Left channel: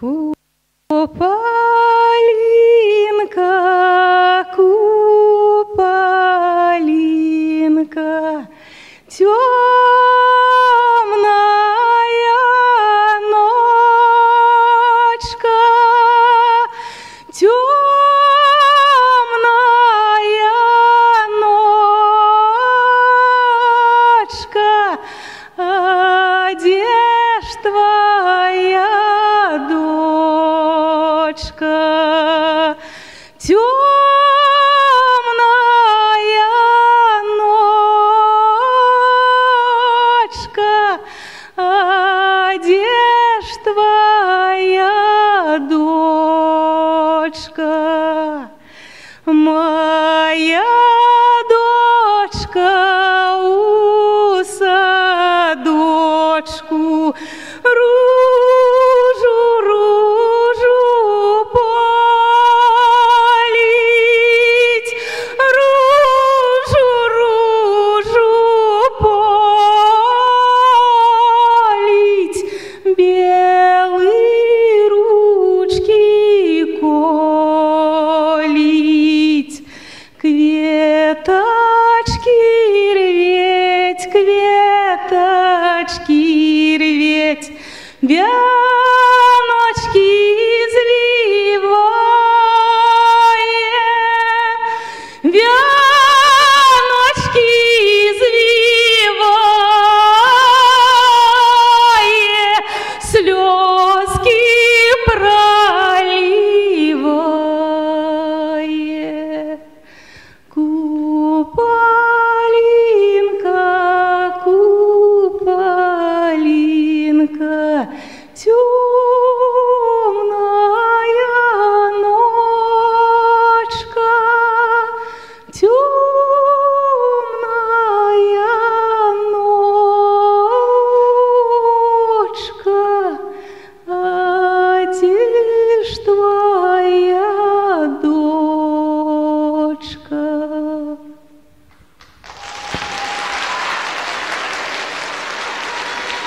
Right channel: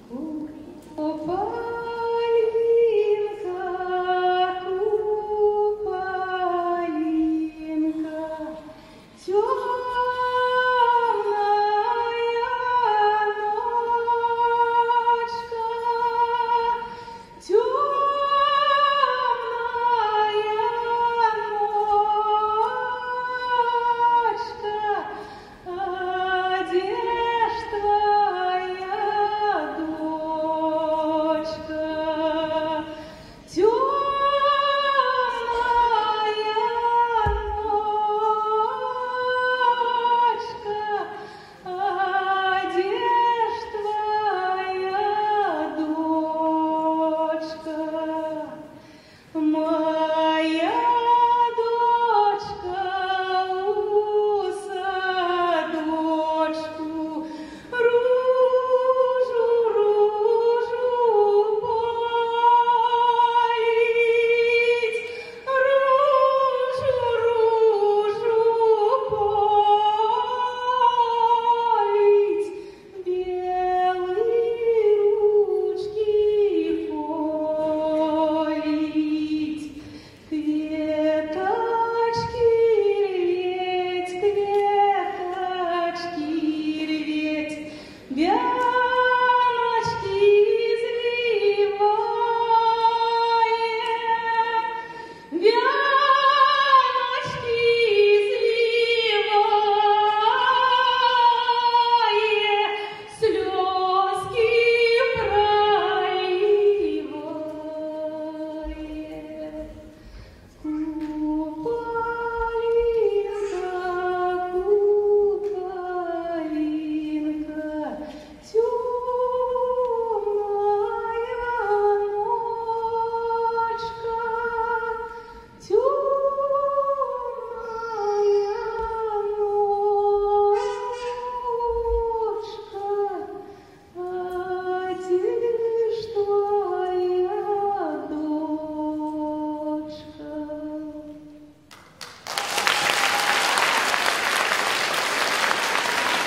Куполинка, куполинка, темная ночка, темная ночка, а где ж твоя дочка? Темная ночка, а где ж твоя дочка? Моя дочка у садочку ружу, ружу полить, ружу, ружу полить, белые ручки колить, кветочки рветь, кветочки рветь, вяночки извивая, вяночки извивая, слезы